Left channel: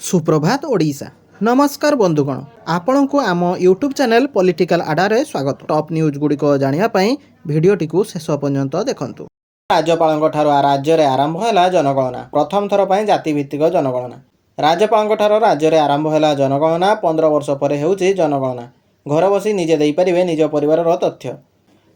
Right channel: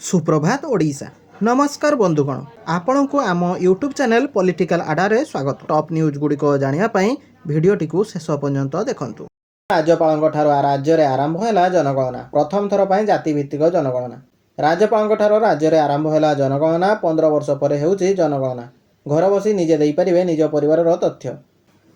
सुप्रभात ओडिशा। नमस्कार बंधुगण, आपण को आम यूट्यूब चैनल पॉलिटिकल आडारे स्वागत। टॉप न्यूज गुड़िक जानापी भिडटी को शेष पर्यंत देखंतु। राज्यपाल राज्य में आरंभ है जनगणना। प्रथम थर पर जातिभित्तिक जनगणना। राज्यपाल राज्य में आरंभ है जनगणना। 15 वर्ष पर होउछि जनगणना। घर बसी निजे दे पारिबे निज परिवार तथ्य।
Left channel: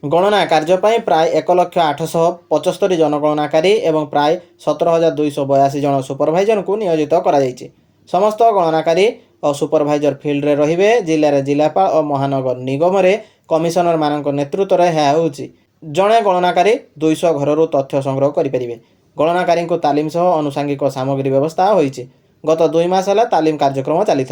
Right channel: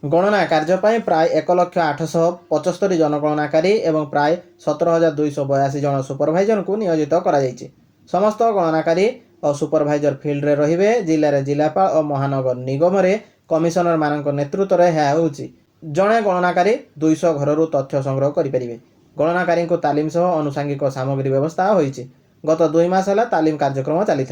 गणना कार्य प्राय 1,08,75 जनगणनाकारी और प्राय 17,282 जन सुपरभाइजर को नियोजित करा जायछि। समस्त गणनाकारी और सुपरभाइजर फिल्ड रे रहिबे। जिले में जिलापाल और महानगर निगम रे कमिशनर मान नेतृत्व में यह होउछि। जड़े गणनाकारी 200 घर तथ्य संग्रह करें। गणनाकारी को तालीम सह आनुषंगिक सामग्री व्यवस्था होइछि। गत 2 मास है तालीम कार्यक्रम चली।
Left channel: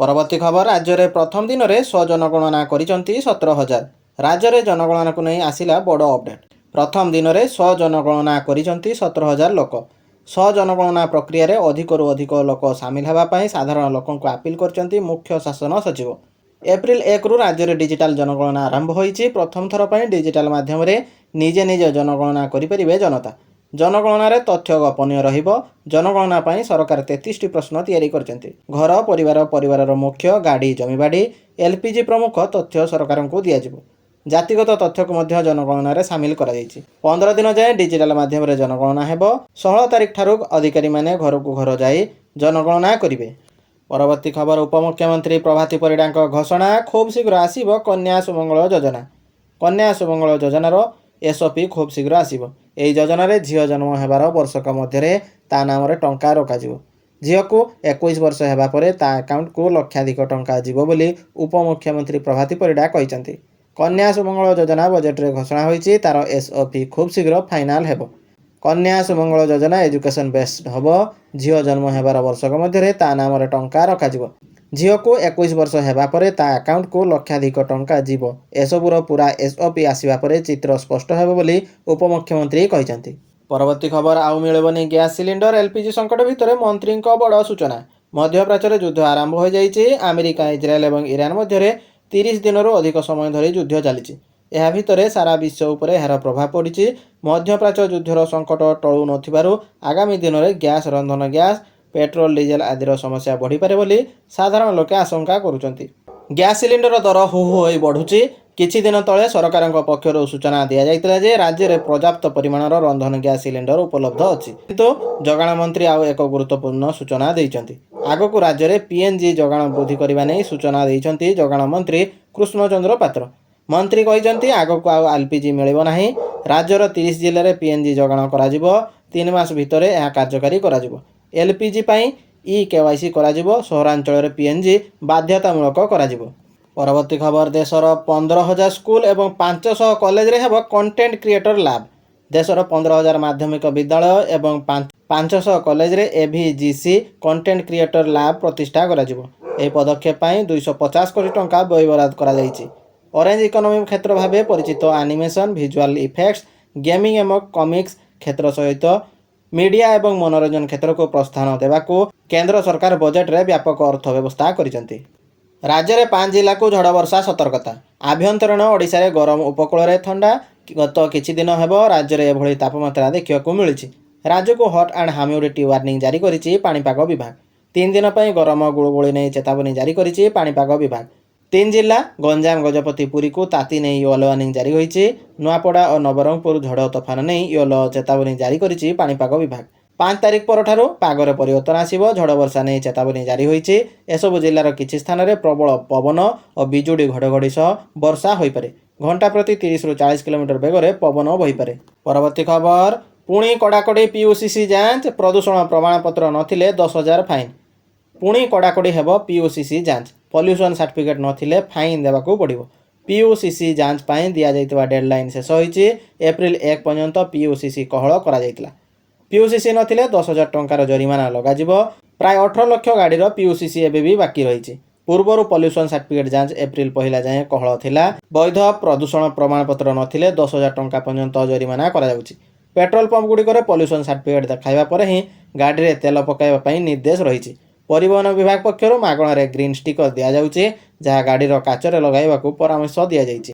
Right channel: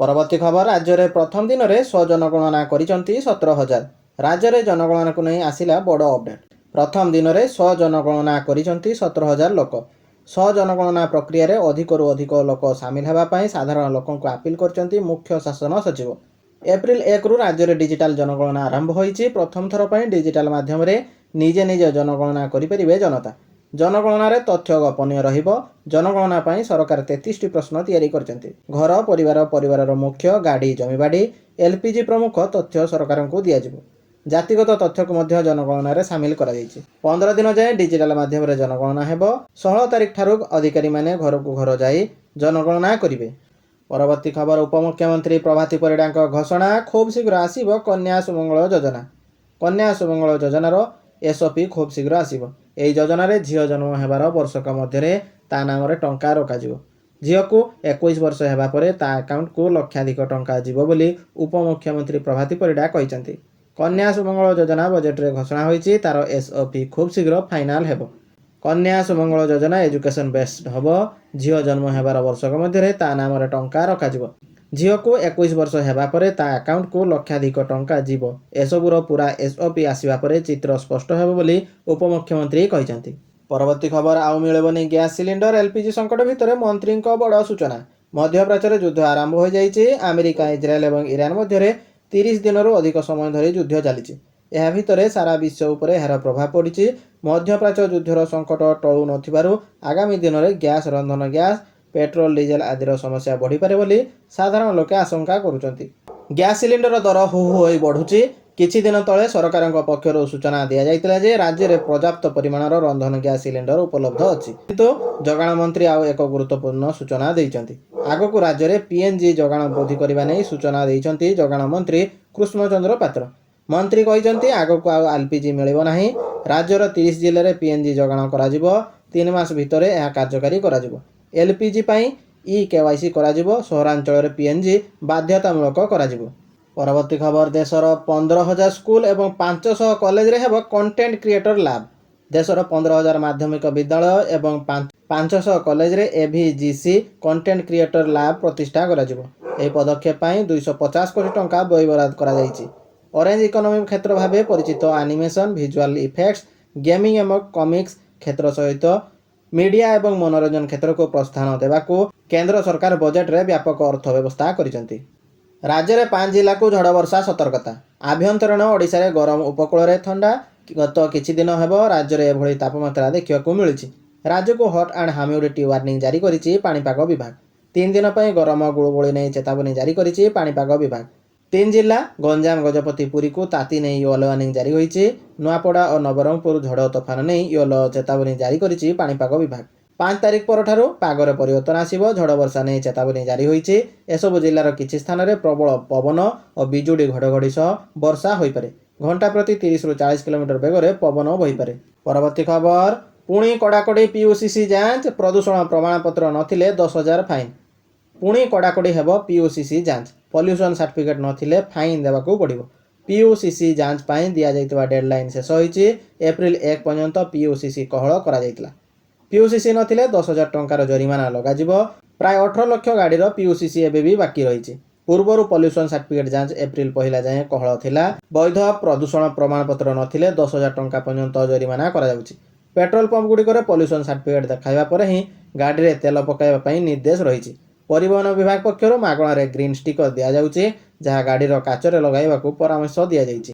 परवर्ती खबर, राज्य में प्रथम दिन में स्वजनगणना करिसंती 17,000। राज्य में जनगणना को नहीं आसिला बड़ अपडेट। प्रथम दिन में स्वजनगणना करिसंती 17,000 लोक। स्वजनगणना प्रक्रिया रे अधिकरू अधिक लोक सामिल होगापी साधारण लोकों को अपील करछंती मुख्य शासन सचिव। एप्रिल 1 रु राज्य में डिजिटाल जनगणना आरंभ होइछि। प्रथम थर पर डिजिटाल माध्यम रे निजे निजे जनगणना करिपरिबे जनता। जनगणना रे तथ्य गोपनीय रहिबो। जनगणना पई सरकार 33टी प्रश्न तैयारी करछंती। घर परिवार मुख्य गाड़ी जमीबाड़ी एलपीजी प्रमुख तथ्य सरकार को दियाजिबो। जातिगत तथ्य को मध्य जनगणना रे सामिल करा जायछि। 15 दिन जाए डिजिटाल माध्यम रे जनगणना हेबो। 16 तारिख ठारू अधिकारी माने घर को घर जाई जनगणना करिवे। परवर्ती खबर, उपमुख्यमंत्री प्रभाती परिड़ा घोषणा। खूब शीघ्र आसीबो कन्या सुमंगल योजना। कन्या सुमंगल योजनार एसओपी खूब शीघ्र आसीबो। एही योजना रे झियो जन्म हेबार वर्षक मध्य ता नाम रे टंका रखाजिवो। झियो को 21 वर्ष हेबा परे ता अकाउंट को लक्षाधिक टंका जीवो बोली उपमुख्यमंत्री प्रभाती परिड़ा कहिसंती। कन्या सुमंगल योजना बजेट रे घोषणा होइछि। तार एसओपी खूब शीघ्र फाइनाल हेबो। कन्या सुमंगल योजना एजुकेशन बेस्ड हबो। झियो जन्म हेबार वर्षक मध्य ता नाम रे टंका रखाजिवो। झियो को 21 वर्ष हेबा परे ता अकाउंट को लक्षाधिक टंका जीवो। एसबुर पूरा एसओपी आसिबा परे चित्र स्पष्ट हेबो बोली उपमुख्यमंत्री कहिसंती। परवर्ती खबर, आउ मिलबनी गैस सिलिंडर। एलपीजी संकट भितर मंत्री बड़ सूचना। मध्यप्राच्य रे युद्ध आरंभ हो जाइछि। अमेरिका इजराएल और ईरान मध्य 30 दिन अधिक समय धरी युद्ध चली। यह भितर सारा विश्व उपरे यार प्रभाव पड़ी। मध्यप्राच्य युद्धर संकट टळू नथिबारु आगामी दिन में गैस रंधन गैस पेट्रोल डीजेल आदिर समस्या बढ़ी पारे बोली साधारण लोके आशंका करुचंती। गैस सिलिंडर दर हु हु होई बढ़ुची। किछि दिन तले सरकार पक्षर सूचना दि जाइतिला जे राज्य में पर्याप्त परिमाणर रंधन गैस सिलिंडर उपलब्ध अछि। किंतु जगाण मंत्री आउ एक गुरुत्वपूर्ण सूचना देइचंती। आगकू राज्य में पीएनजी जगाण वृद्धि करबा नै सूचना देइचंती जगाण मंत्री कृष्णचंद्र पात्र। मंत्री कहिसंती आगकू आउ एलपीजी मिलिबो नाही। राज्यर 30 जिले में पीएनजी जगाण कराजिबो। 3 मास भितर यह कार्यकारी कराजिबो। एलपीजी पई ई केवाईसी कराजिबो। सहरांचल में पीएनजी बाध्यतामूलक कराजिबो। परवर्ती खबर, देशर 15,000 स्कूल और 500 कॉलेज रे हेबो कंटेंट क्रिएटर लैब। देशर 15,000 माध्यमिक विद्यालय और 500 कॉलेज रे एवीजीसी कंटेंट क्रिएटर लैब प्रतिष्ठा कराजिबो। एही पदक्षेप पई 250 कोटी टंका व्यय बराद करा जायछि। ऑरेंज इकोनॉमी क्षेत्र भाव परिचित एनिमेशन विजुअल इफेक्ट्स गेमिंग और कॉमिक्स क्षेत्र सहित मीडिया और मनोरंजन क्षेत्र को प्रोत्साहन देवाकू केंद्र सरकार बजेट रे व्यापक अर्थ व्यवस्था करिसंती। राज्य में 5 जिला को झड़ वर्षा सतर्कता। आभ्यंतरीण ओडिशा रे गरम उपकूल रे ठंडा। गत किछि दिन हेबो राज्य में एभली तापमात्रा देखिବାକୁ मिलुछि। राज्य को हट एंड ह्यूमिडिटी वार्निंग जारी करिछि पाणीपाग विभाग। 3 दिन पर गरम गुळगुळी नहीं चेतावनी जारी करिछि पाणीपाग विभाग। 3 जिला गंजाम गजपति पुरी को ताती नहीं येलो वार्निंग जारी होइछि। नुआपड़ा और नवरंगपुर झड़ तोफान नहीं येलो चेतावनी जारी करिछि पाणीपाग विभाग। 5 तारिख परठारु पागरे परिवर्तन आसिबो। झड़ वर्षा नहीं चेतावनी जारी होइछि। एसबु जिलार किछि स्थान रे प्रबल पवन और बिजुड़ी घड़घड़ी सह वर्षा होई पारे। घंटा प्रति 30 रु 40 किलोमीटर बेगरे पवन बही पारे। परवर्ती खबर, पुणी कड़ाकड़ी पीयूसीसी जांच। प्रदूषण प्रमाणपत्र नथिले 10,000 फाइन। पुणी कड़ाकड़ी हेबो पीयूसीसी जांच। पॉल्यूशन सर्टिफिकेट नथिले फाइन देबाकू पड़िबो। पीयूसीसी जांच पाई दिया जाइतबा डेडलाइन शेष होइछि। एप्रिल 1 पर्यंत पीयूसीसी कहळ करा जाइतला। पीयूसीसी नथिले 10,000 टंकार जरिमाना लगाजिबो। प्राय 18 लाख गाड़ीर पीयूसीसी एबे भी बाकी रहिछि। पूर्वरु पॉल्यूशन सर्टिफिकेट जांच एप्रिल 1 जाए कहळ थिला। वैध प्रदूषण प्रमाणपत्र नथिले 10,000 टंका पर्यंत जरिमाना करा जाउछि। पेट्रोल पंप गुड़िकर पॉल्यूशन सर्टिफिकेट देखाइबा पर ही गाड़ी रे तेल पकाइबा पई निर्देश रहिछि। परिवहन विभाग पक्षरु मागणारे ग्रीन स्टिकर दिया जाउछि जहा गाड़ीर काचरे लगाइबाकू परामर्श दिया जाइछि।